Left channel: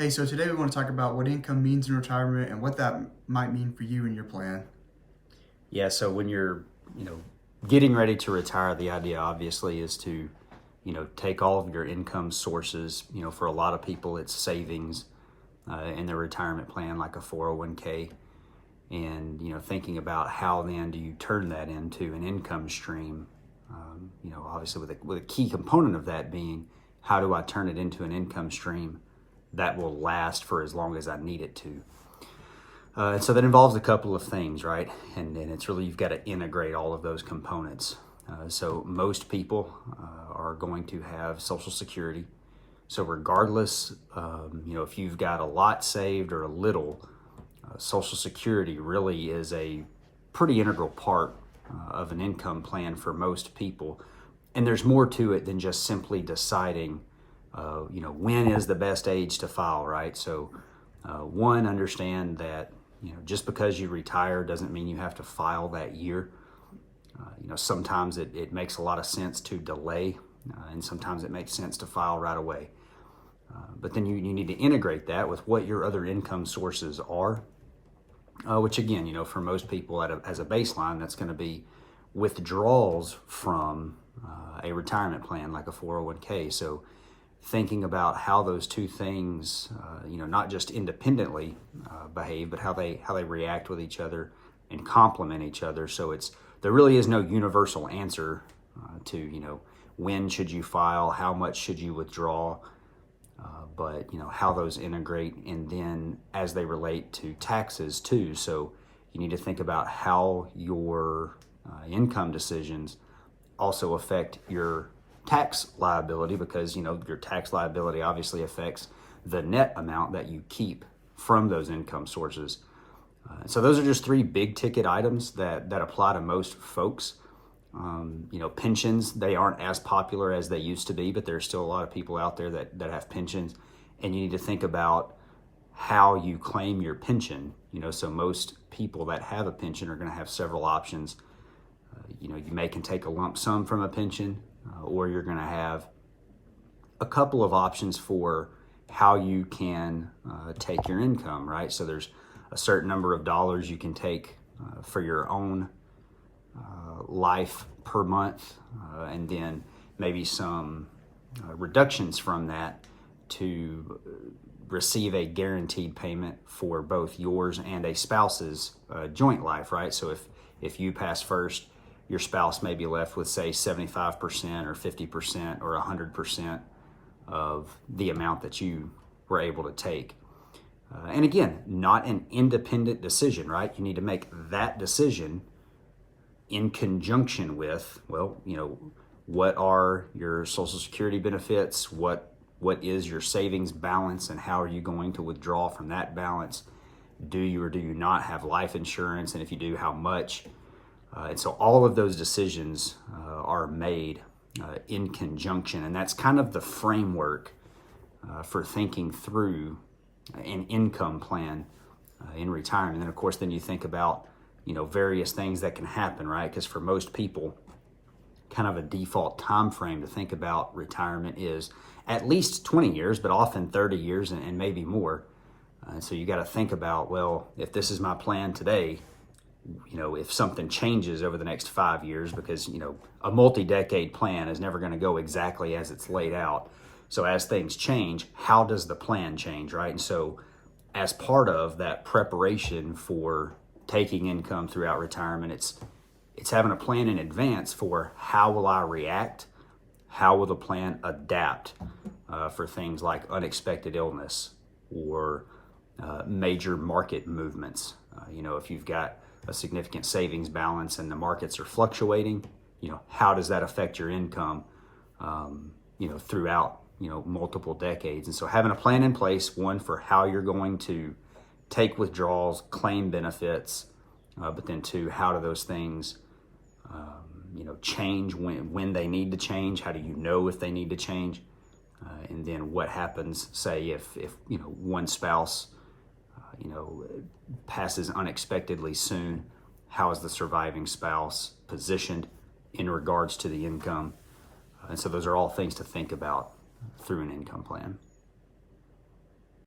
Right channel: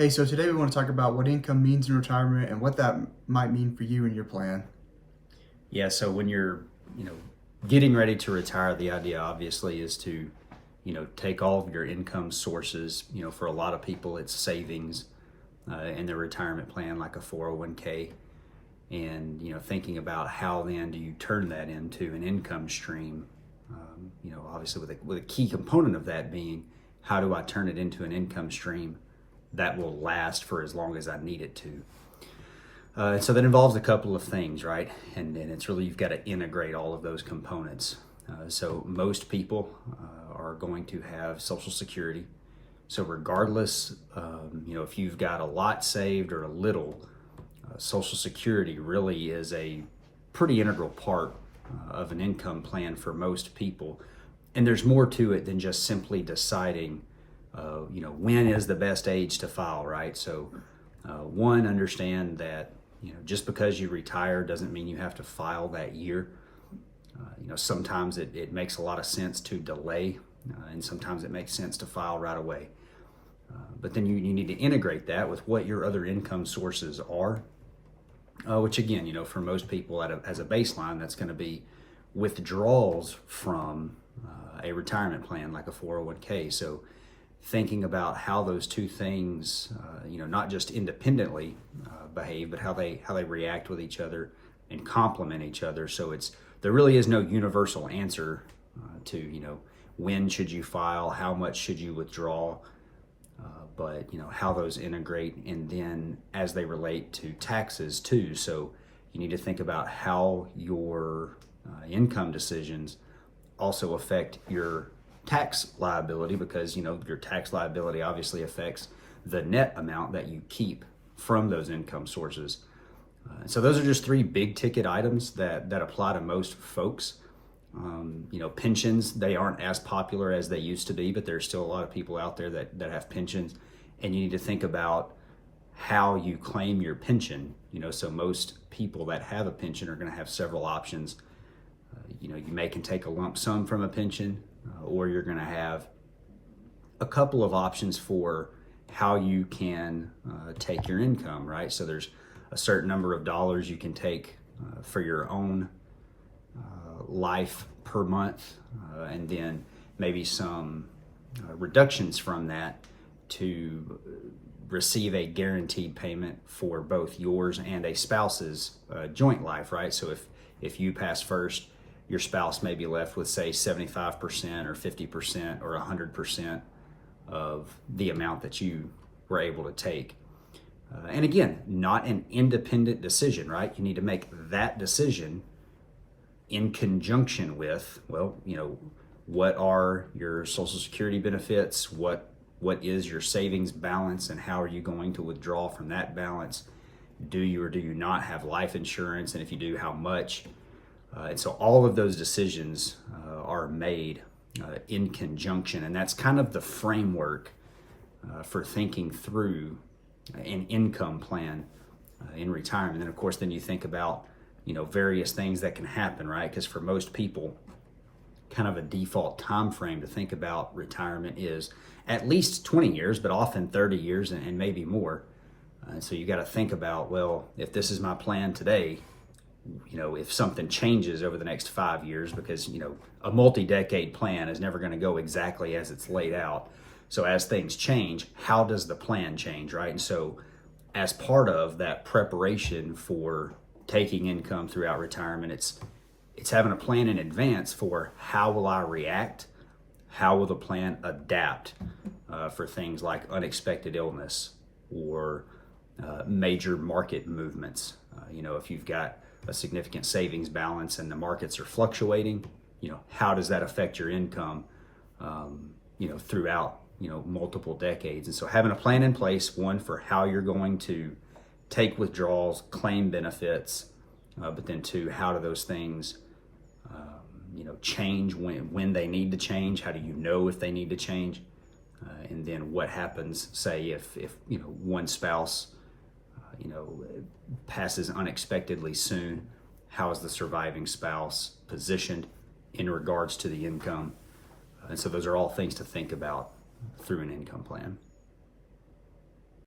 Hey, so today we want to talk about what income means in retirement and what that might mean for you and your plan. Yeah, so when you're, you know, getting ready to retire, the idea obviously is to, take all of your income sources. For a lot of people, it's savings in their retirement plan, like a 401k, and thinking about how then do you turn that into an income stream. Obviously with a key component of that being how do I turn it into an income stream that will last for as long as I need it to. So that involves a couple of things, right? And it's really, you've got to integrate all of those components. So most people are going to have Social Security. So regardless, if you've got a lot saved or a little, Social Security really is a pretty integral part of an income plan for most people. And there's more to it than just simply deciding, when is the best age to file, right? So one, understand that just because you retire doesn't mean you have to file that year. Sometimes it makes a lot of sense to delay, and sometimes it makes sense to file right away. But then you need to integrate that with what your other income sources are, which again, for most people as a baseline, that's going to be withdrawals from a retirement plan like a 401k. So thinking about how those two things, not just independently behave, but how they react with each other and complement each other. So there really is no universal answer to when should you file, how much should you withdraw, but how those integrate, and then as they relate to taxes too. So you need to think about how your income decisions also affect your tax liability, because your tax liability obviously affects the net amount that you keep from those income sources. So those are just three big ticket items that apply to most folks. Pensions, they aren't as popular as they used to be, but there's still a lot of people out there that have pensions, and you need to think about how you claim your pension. So most people that have a pension are going to have several options. You can take a lump sum from a pension, or you're going to have a couple of options for how you can take your income, right? So there's a certain number of dollars you can take for your own life per month, and then maybe some reductions from that to receive a guaranteed payment for both yours and a spouse's joint life, right? So if you pass first, your spouse may be left with, say, 75% or 50% or 100% of the amount that you were able to take. And again, not an independent decision, right? You need to make that decision in conjunction with, what are your Social Security benefits? What is your savings balance, and how are you going to withdraw from that balance? Do you or do you not have life insurance? And if you do, how much? And so all of those decisions are made in conjunction, and that's kind of the framework for thinking through an income plan in retirement. And then, of course, then you think about various things that can happen, right? Because for most people, kind of a default time frame to think about retirement is at least 20 years, but often 30 years and maybe more. So you got to think about, well, if this is my plan today, if something changes over the next 5 years, because, a multi-decade plan is never going to go exactly as it's laid out. So as things change, how does the plan change, right? And so as part of that preparation for taking income throughout retirement, it's having a plan in advance for how will I react, how will the plan adapt for things like unexpected illness or major market movements. If you've got a significant savings balance and the markets are fluctuating, how does that affect your income, throughout, multiple decades? And so having a plan in place, one, for how you're going to take withdrawals, claim benefits, but then two, how do those things, change when they need to change? How do you know if they need to change? And then what happens, say, if one spouse passes unexpectedly soon, how is the surviving spouse positioned in regards to the income? And so those are all things to think about through an income plan.